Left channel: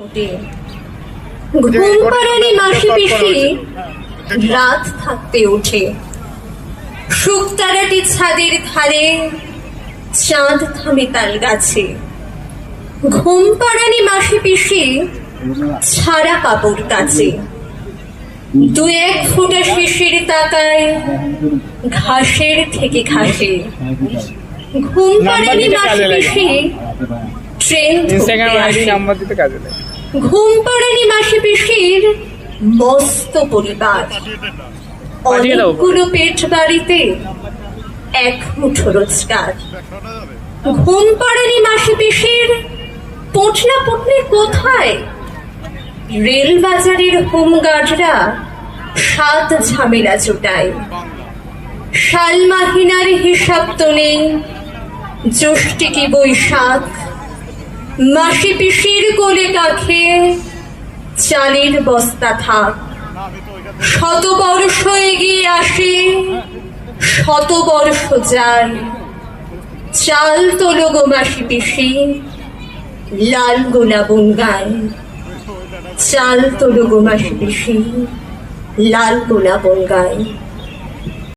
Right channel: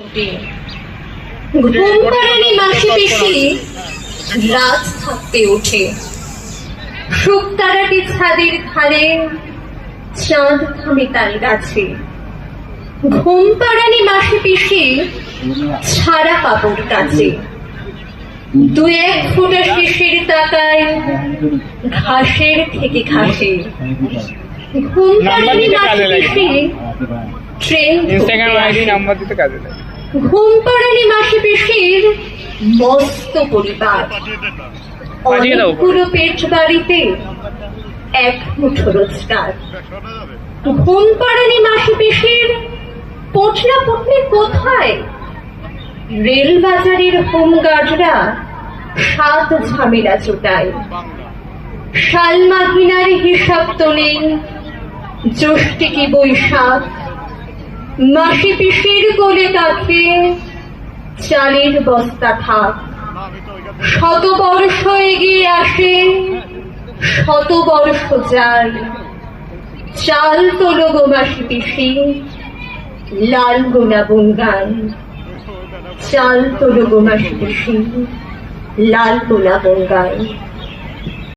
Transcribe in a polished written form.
ঘুম পাড়ানি মাসি পিসি রাত থাকতে ওঠে। শুকতারাটি ছাদের ধারে, চাঁদ থামে তাল গাছে। ঘুম পাড়ানি মাসি পিসি ছাড়া কাপড় কাচে। দু এক ফোঁটা শিশির তাকায় ঘাসের থেকে ঘাসে। ঘুম পাড়ানি মাসি পিসি ট্রেন ধরতে আসে। ঘুম পাড়ানি মাসি পিসির মস্ত পরিবার, অনেকগুলো পেট বাড়িতে, এক মুঠো রোজগার। ঘুম পাড়ানি মাসি পিসির পোটলা পুটলি কোথায়? রেল বাজারের হোমগার্ডরা সাত ঝামেলা জোটায়। সাল মাহিনার হিসাব তো নেই, জ্যৈষ্ঠী কি বৈশাখ। মাসি পিসির কোলে কাঁখে চালের বস্তা থাক। শতবর্ষ এগিয়ে আসে, শতবর্ষ যায়। চাল তোলো গো মাসি পিসি, লাল গোলা বঙ্গায়। চাল তোলো গো মাসি পিসি, লাল গোলা বঙ্গায়।